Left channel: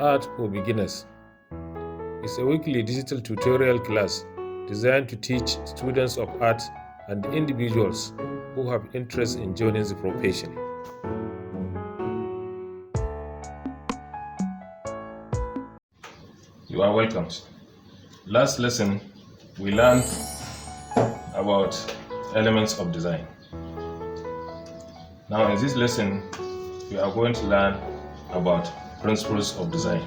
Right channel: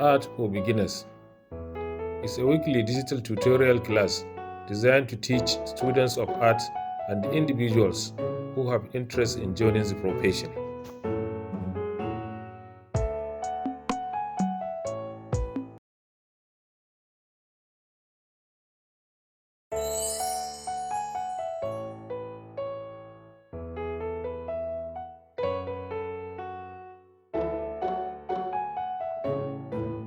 Art for Beginners is a weekly digital tutorial class designed to teach students of art and individuals who have interest in joining the profession. You are welcome. Last lesson, we learned about elements of design. Now in this lesson, we are going to learn about principles of design.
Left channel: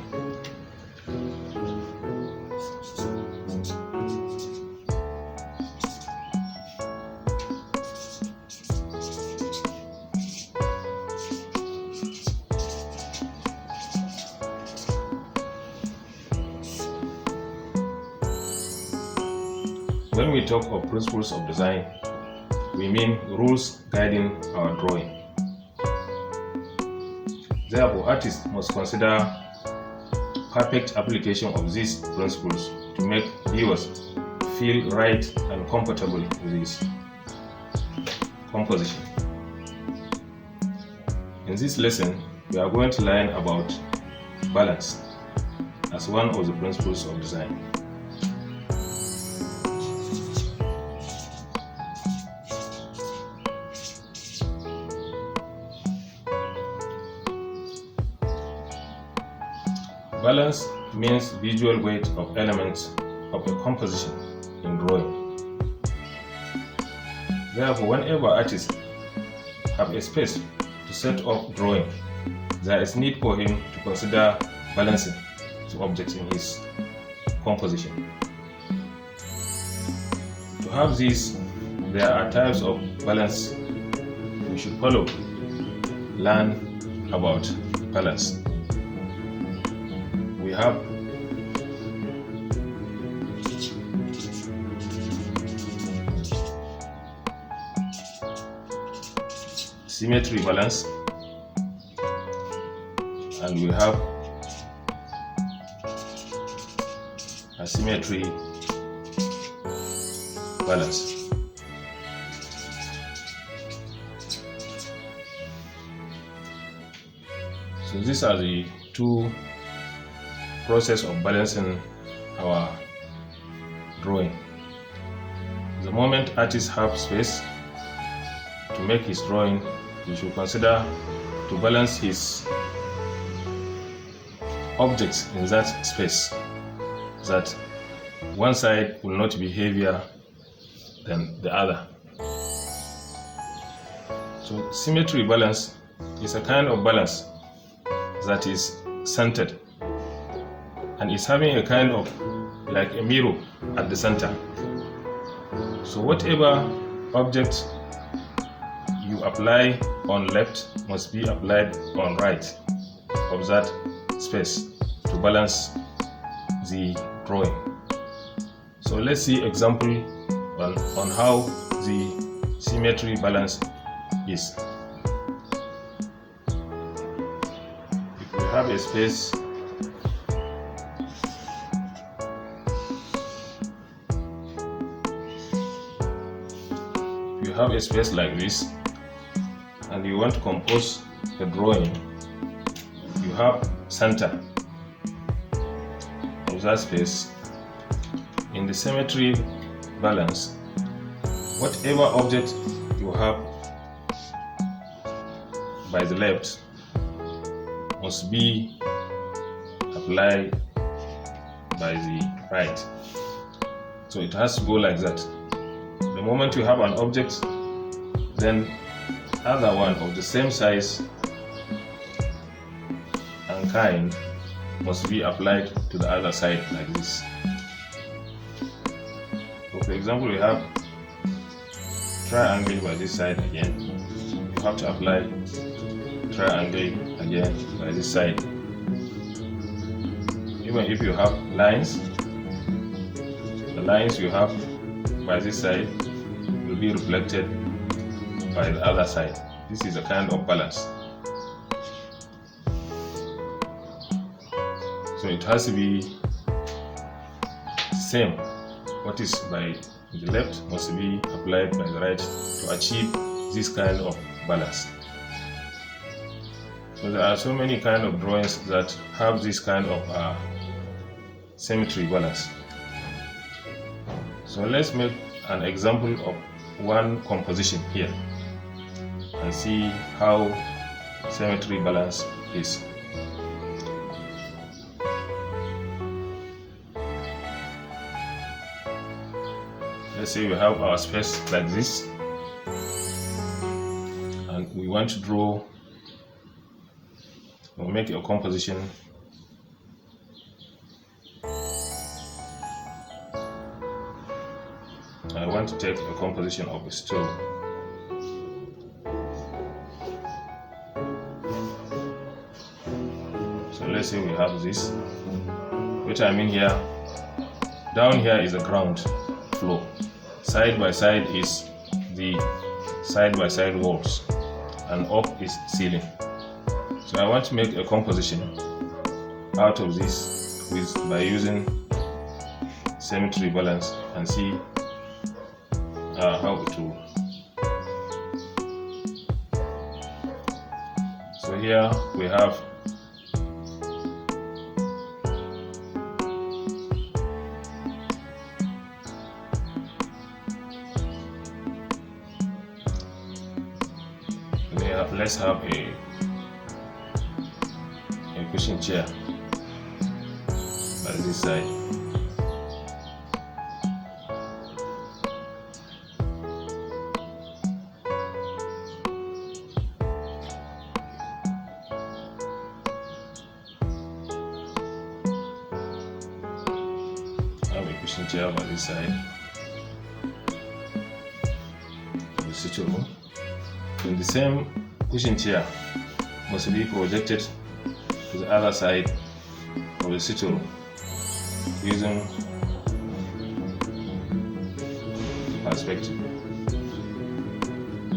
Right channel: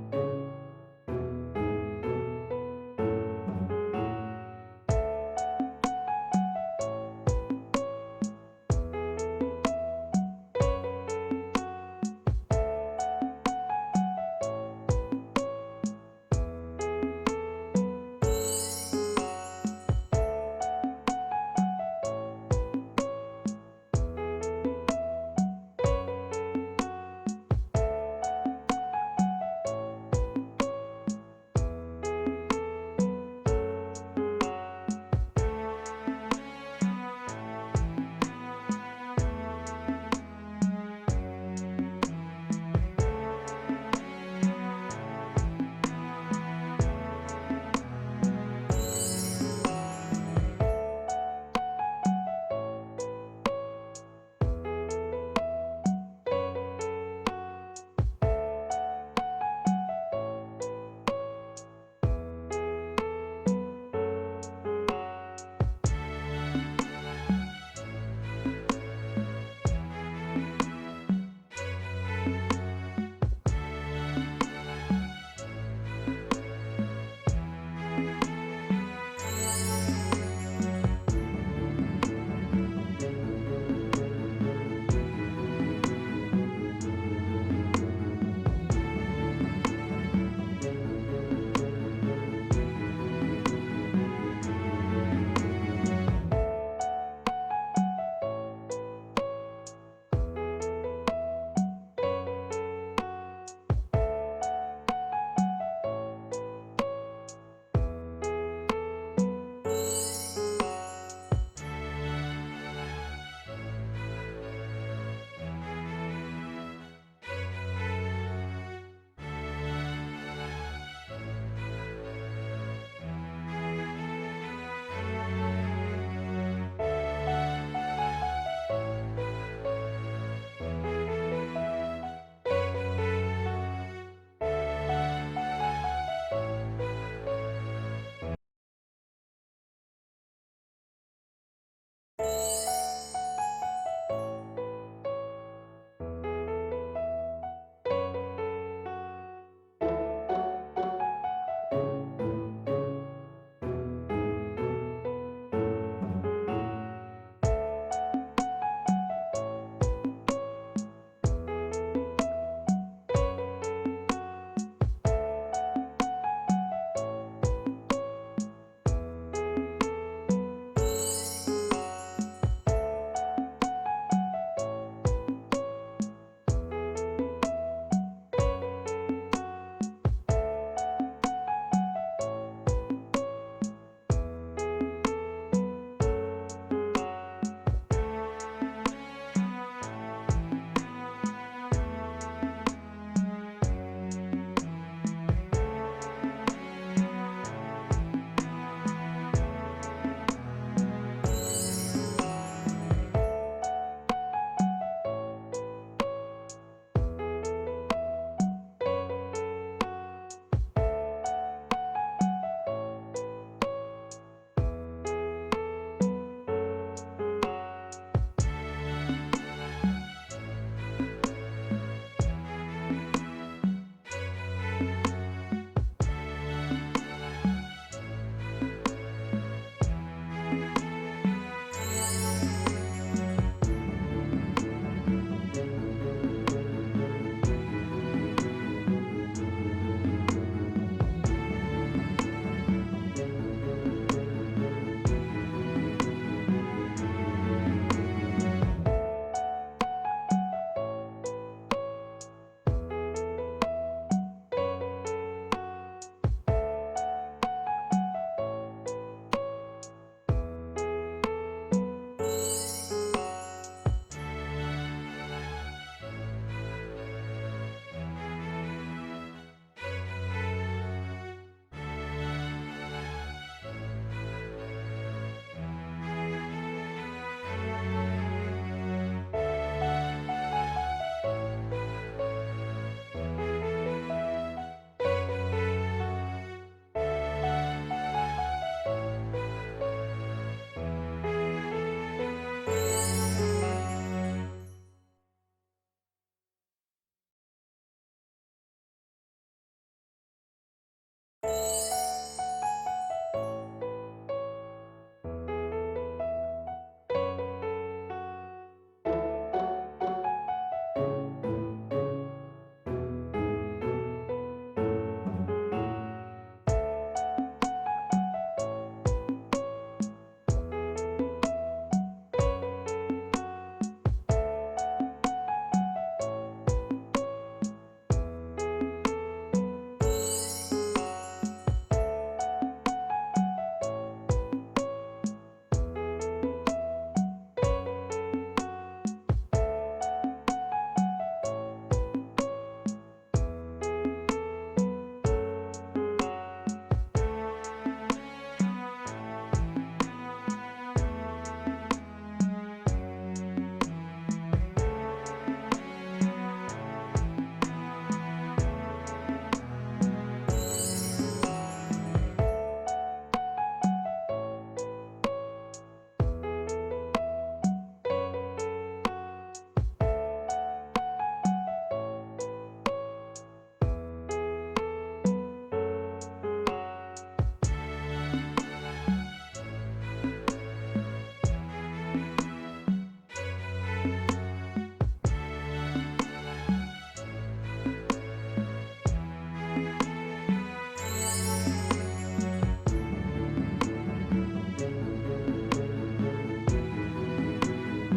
When we talk of principles of design, we mean rules guiding our drawing. Therefore, artists must consider perfect application of these principles to make viewers feel right and comfortable with this composition. In this lesson, we are going to learn about balance as one of the principles of design. Balance means visual weight of elements of a composition in drawing. Therefore, whenever artists have a space to set up drawing, there is need for him to consider balancing the objects in his composition. To have this, there are types of balance we should follow. Learn about balance. We have symmetry balance, and we have asymmetry balance. So these are the two process of balancing our drawing. The moment artists have space to make his drawing, he should consider to balance his objects in that space, that one side will not be heavier than the other. So symmetry balance is a kind of balance that is centered and is having a kind of like a mirror at the center. So whatever object you apply on left must be applied on right of that space to balance the drawing. So let's see example on how the symmetry balance is. If we have a space like this and you want to compose the drawing, you have center of that space. In the symmetry balance, whatever object you have by the left must be applied by the right. So it has to go like that. The moment you have an object, then other one of the same size and kind must be applied to the other side like this. So for example, we have triangle by this side again. You have to apply triangle again by this side. Even if you have lines, the lines you have by this side will be reflected by the other side. This is a kind of balance. So it has to be same. What is by the left must be applied by the right to achieve this kind of balance. So there are so many kind of drawings that have this kind of symmetry balance. So let's make an example of one composition here and see how symmetry balance is. Let's say we have our space like this, and we want to draw or make a composition I want to take a composition of a stool. So let's say we have this, which I mean here, down here is the ground floor, side by side is the side by side walls, and up is ceiling. So I want to make a composition out of this by using symmetry balance and see how it will. So here we have let's have a cushion chair by this side. Have a cushion chair by this side. The sitting room. And the same cushion chair must be projected to the other side of the sitting room using perspective.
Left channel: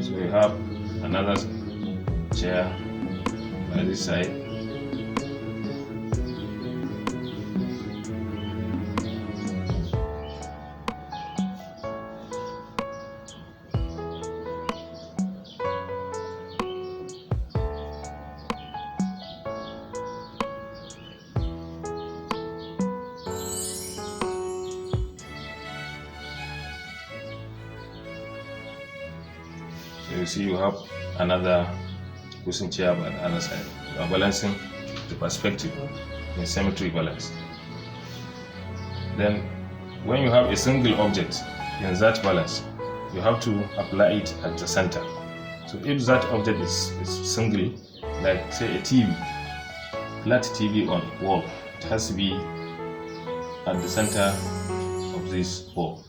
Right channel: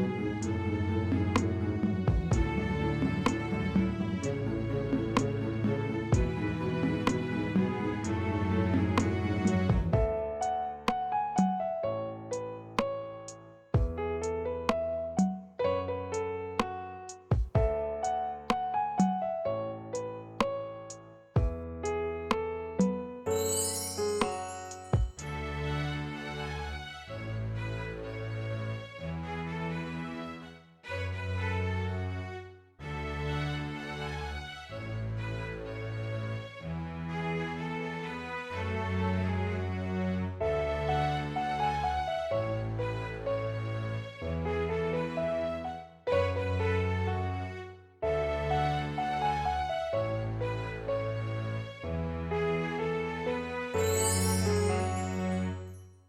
So we have another chair by this side. You see you have another cushion chair by the other side. You are balancing the perspective in symmetry balance. Then when you have a single object in that balance, you have to apply it at the center. So if that object is single, like say a TV, flat TV on wall, it has to be at the center of this wall.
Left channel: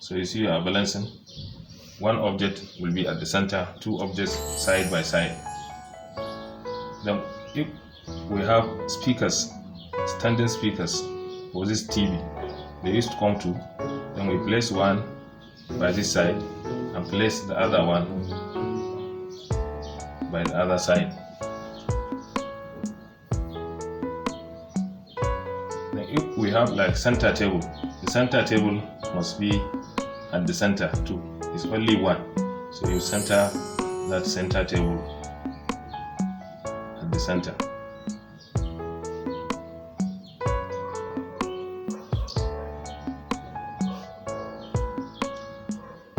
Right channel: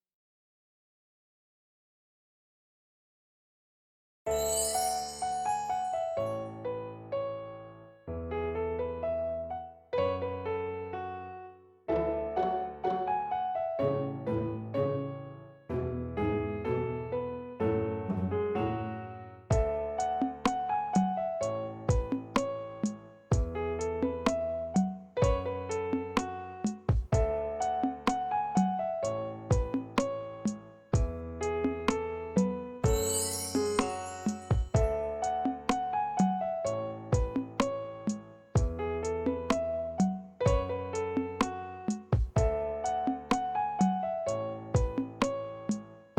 So you see you are balancing. One object will be at the center, two objects side by side. Then if we have speakers, standing speakers for this TV, they used to come to, then we place one by this side and place the other one by the other side. Then if we have like center table, the center table must be at the center too. It's only one, so you center that center table at the center.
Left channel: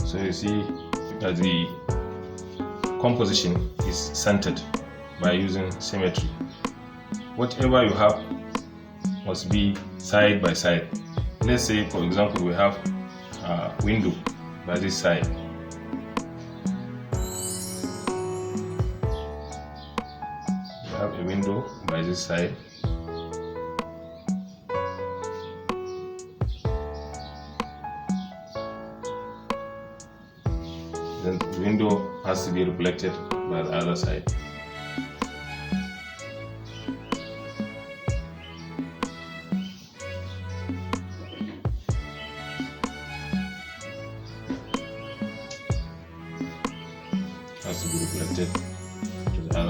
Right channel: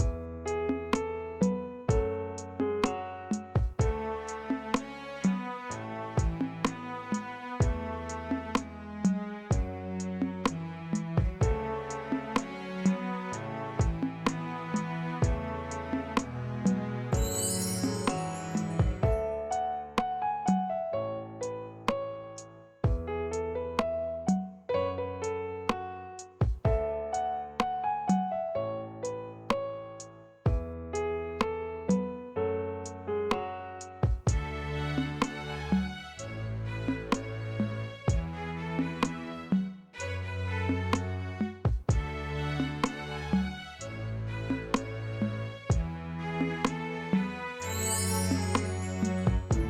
So you see that the composition is centered by using symmetry. Whatever you have must be side by side. Let's say for example we have a window by this side. We have a window by this side. Then the window has to be reflected by the other side.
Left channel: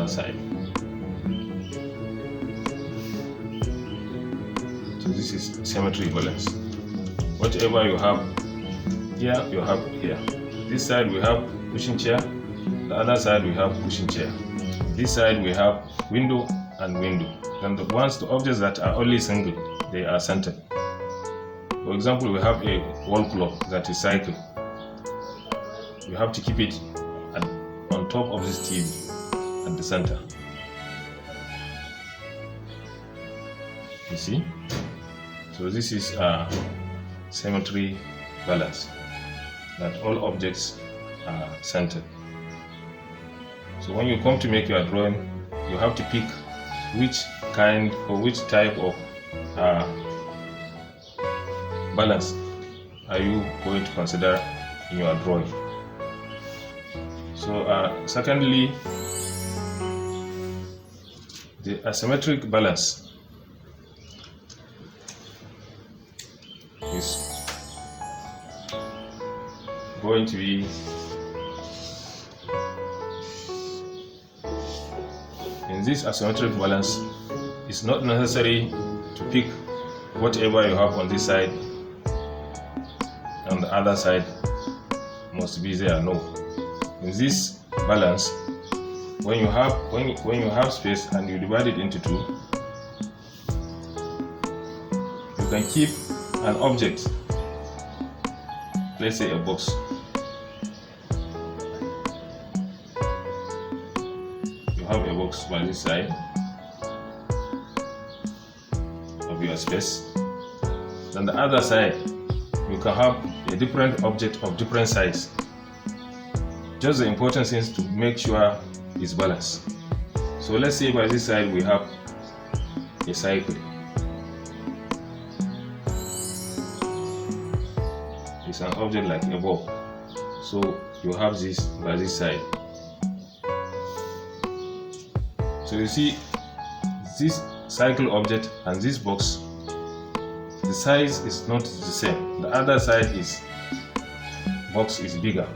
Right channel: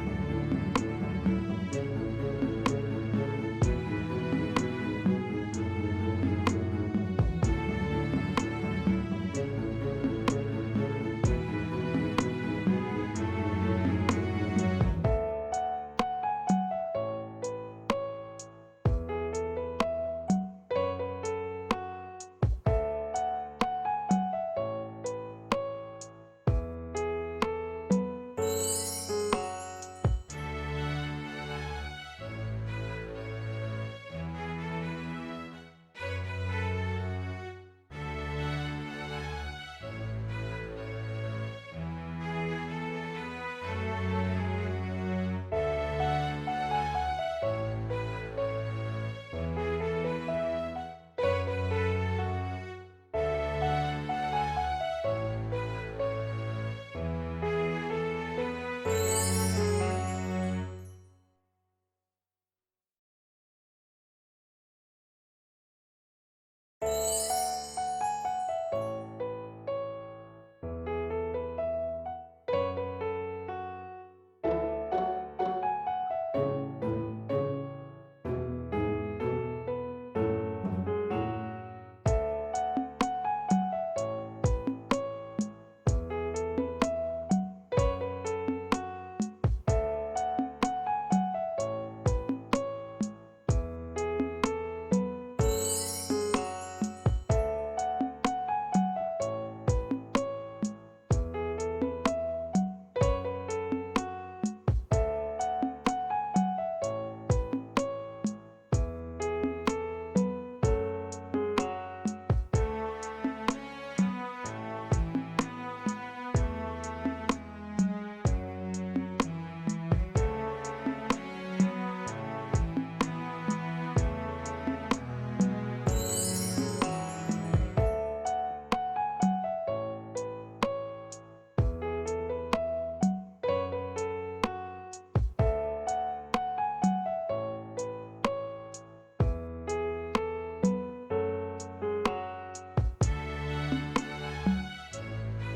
Side. So this is symmetry balance. Whatever you have here, you have here. This side we have cushion chair, the other side we have cushion chair. This side we have window and window. Then the objects that are only single, they are centered. For example, we have a wall clock that is cycle. You have to keep it on top of this TV at the center. You see? So this is a symmetry balance, that all objects are centered. So when you come to make your drawing, you have to pick which kind or which type of balance are you going to consider in your drawing. So secondly, the asymmetric balance is going to be in this asymmetric balance. It's not necessary to pick whatever you have on this side and the other side must be there. No. In this balance, when you have space and you divide it into two, you can keep an object, let's say a box. You have a box by this side of your space. Then the other side, you can have a different object of different size. Just the important thing is to make sure it's balanced. So let's say by this side we have a cycle. It's an object like a ball. So you have this by this side. So you see this cycle object and this box, the size is not the same. The other side is box is bigger.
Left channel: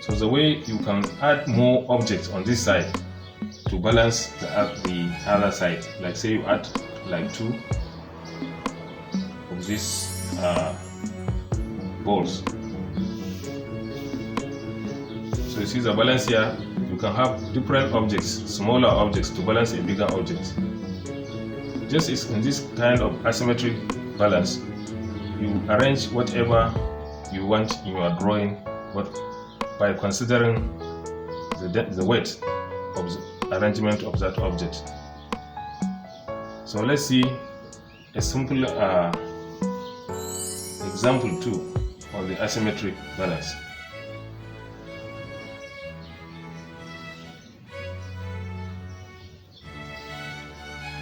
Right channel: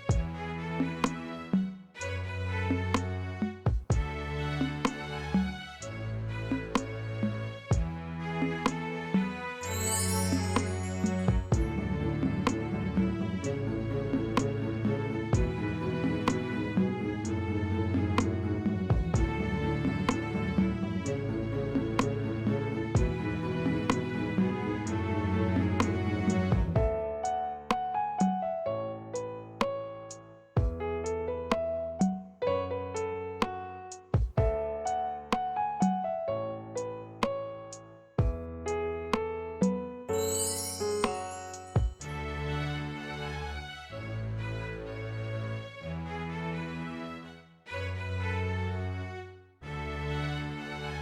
So the way you can add more objects on this side to balance the other side, like say you add like two of these balls. So you see the balance here, you can have different objects, smaller objects to balance a bigger object. Just as in this kind of asymmetric balance, you arrange whatever you want in your drawing, but by considering the weight of the arrangement of that object. So let's see a simple example 2 of the asymmetric balance.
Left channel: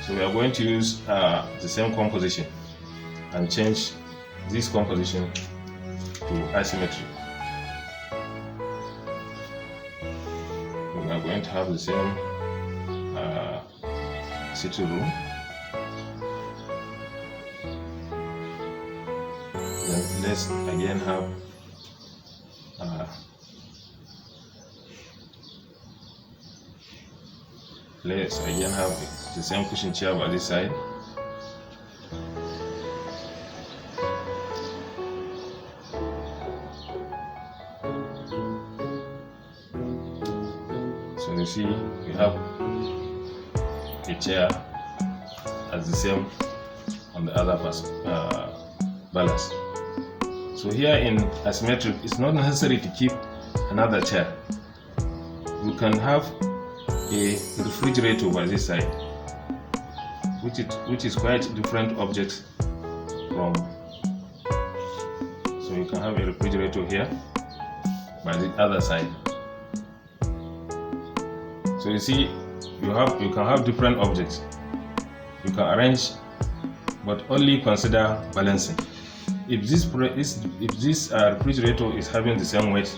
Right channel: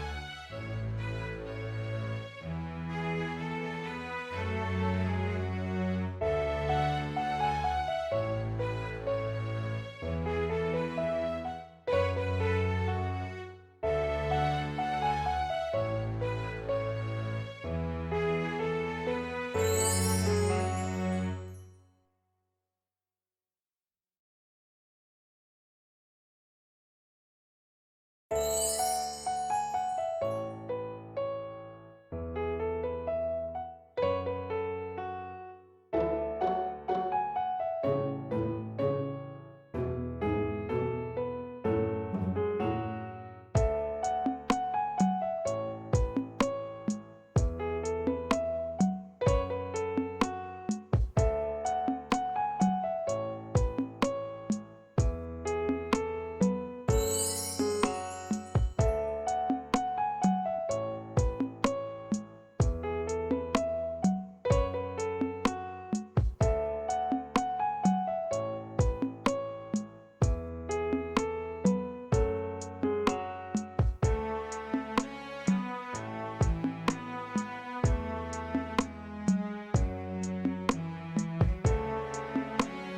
So we are going to use the same composition and change this composition to asymmetry. We are going to have the same sitting room. Then let's again have the same cushion chair by this side. So you see, we have a chair as the same on the other balance. So here in asymmetric, it's not necessary to keep another chair. You can have a refrigerator by this side, which is quite different object from. So you can have a refrigerator here by the other side. So you see, you can have different objects. You can arrange, but only consider balancing. If this refrigerator is having the same weight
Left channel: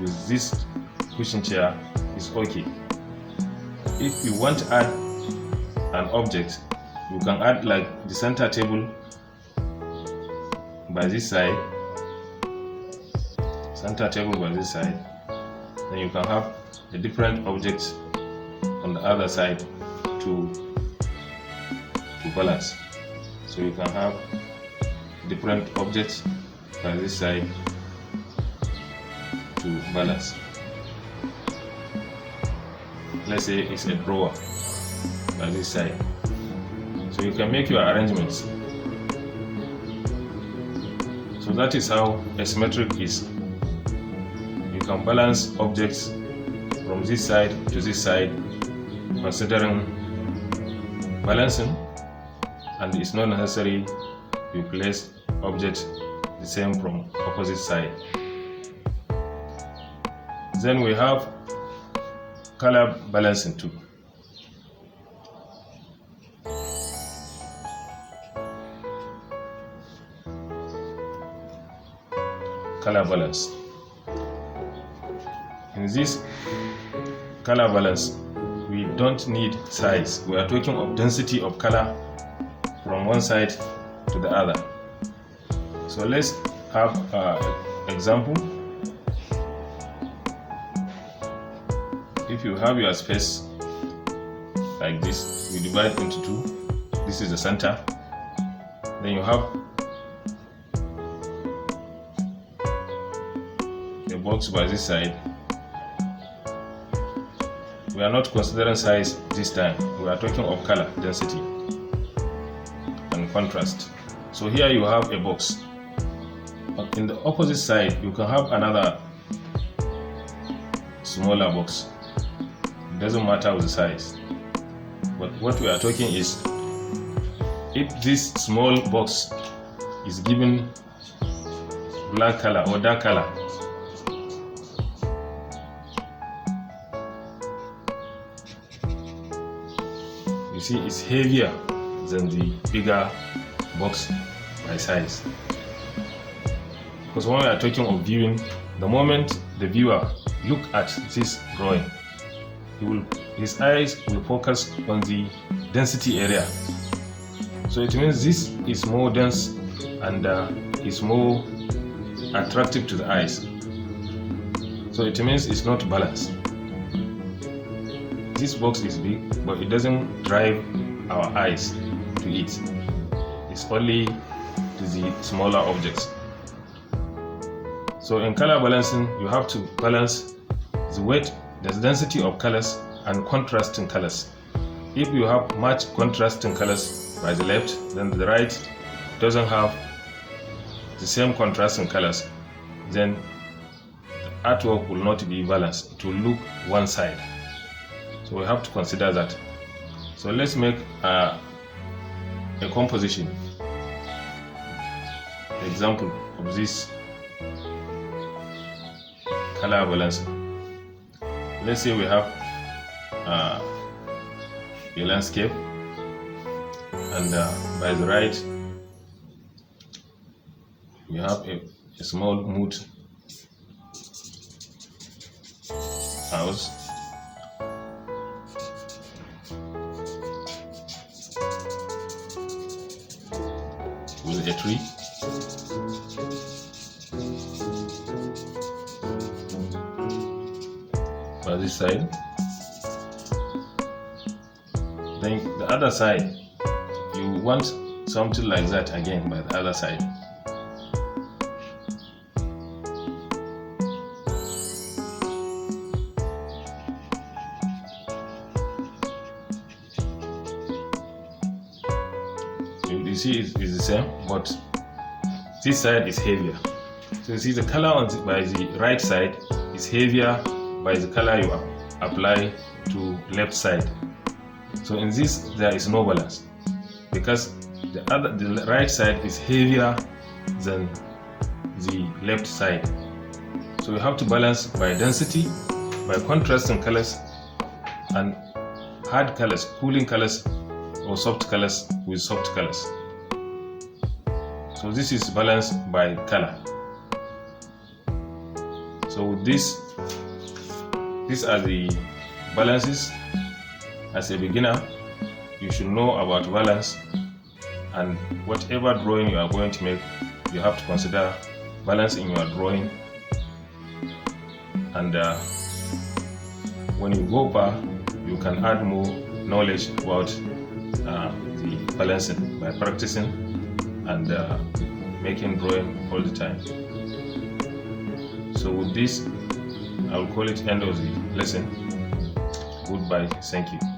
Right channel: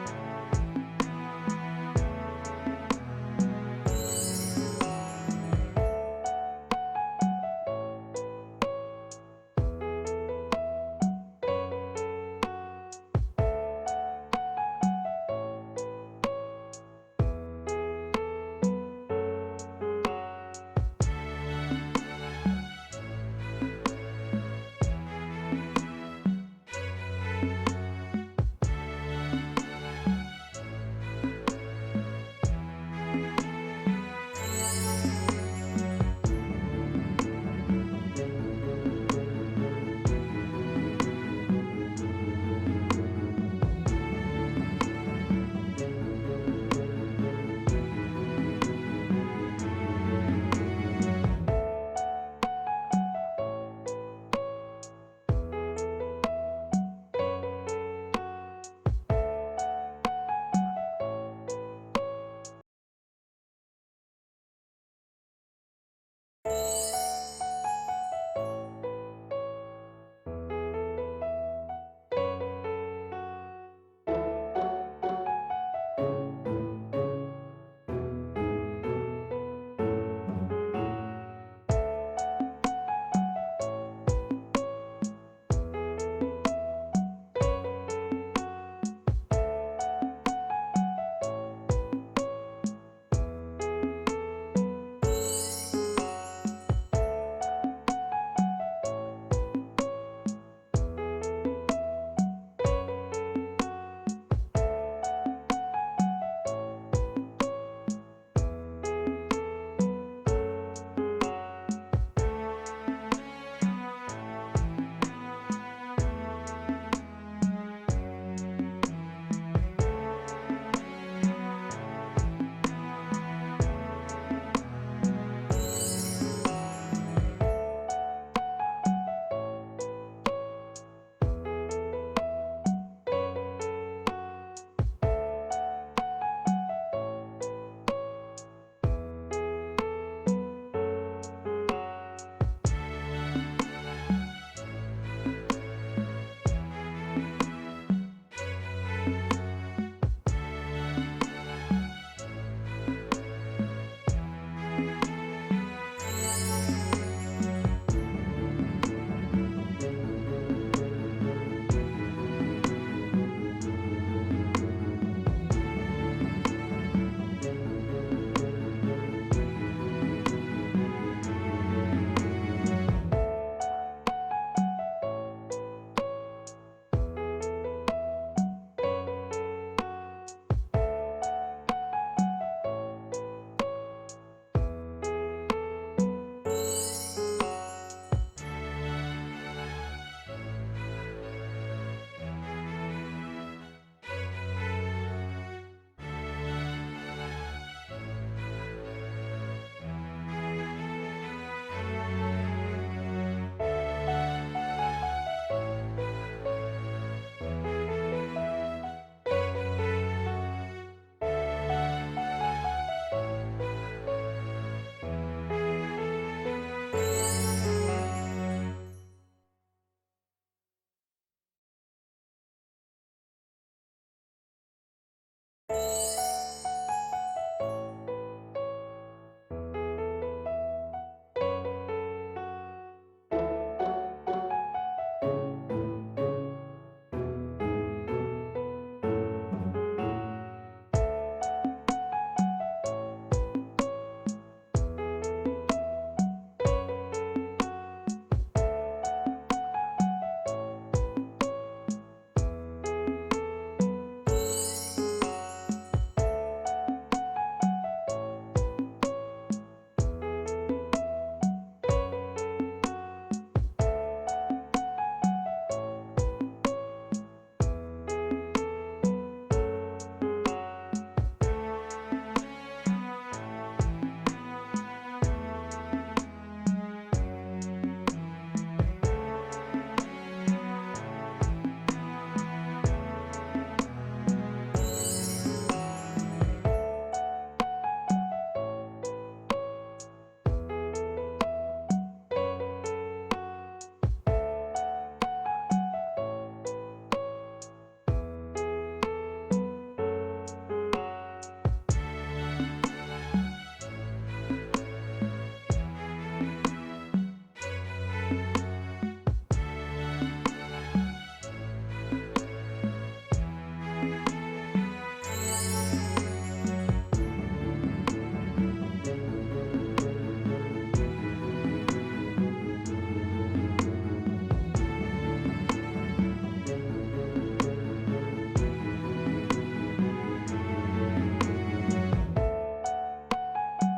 with this cushion chair, it's okay. If you want to add an object, you can add like the center table by this side, then you can have a different object on the other side to balance. So you can have different objects by this side to balance. let's say it's a drawer on this side. So you can make your arrangements. So that is how asymmetric is. You can balance objects from this side to this side, considering balancing, and it's not necessary you place objects the same from opposite side. Then we have color balancing too. Color balance. In this color balance, we don't need size. We are talking of density of color from one side to the other. So let's have an example. If you have your space like this, you divide into two. This is the center. Then you have a box by this side. We are not considering size this time. We are talking of color, density, and contrast. So here you have a box. But in the opposite side, you can have another smaller box. It doesn't matter with the size. But what we are talking is, if this small box is given black color or dark color, you see it's heavier than the bigger box by size. Because when we are talking of viewing, the moment the viewer look at this drawing, his eyes will focus on the density area. So it means this is more dense and is more attractive to the eyes. So it means it's not balanced. This box is big, but it doesn't drive our eyes to it. It's only to the smaller objects. So in color balancing, you have to balance the weight, the density of colors, and contrasting colors. If you have much contrasting colors by the left, then the right doesn't have the same contrasting colors, then the artwork will not be balanced. It will look one side. So we have to consider that. So let's make a composition. Example of this color balance. Let's say we have a landscape, and by the right we have a small mood house. With a tree. By this side. Then the other side, you want something like that again by the other side. You see it's the same, but this side is heavier. So you see the color by the right side is heavier by the color you apply to left side. So in this there is no balance, because the right side is heavier than the left side. So you have to balance by density, by contrasting colors, and hard colors, cooling colors, or soft colors with soft colors. So this is balanced by color. So with these are the balances. As a beginner, you should know about balance, and whatever drawing you are going to make, you have to consider balance in your drawing. And when you go far, you can add more knowledge about the balancing by practicing and making drawing all the time. So with this, I will call it end of the lesson. Goodbye. Thank you.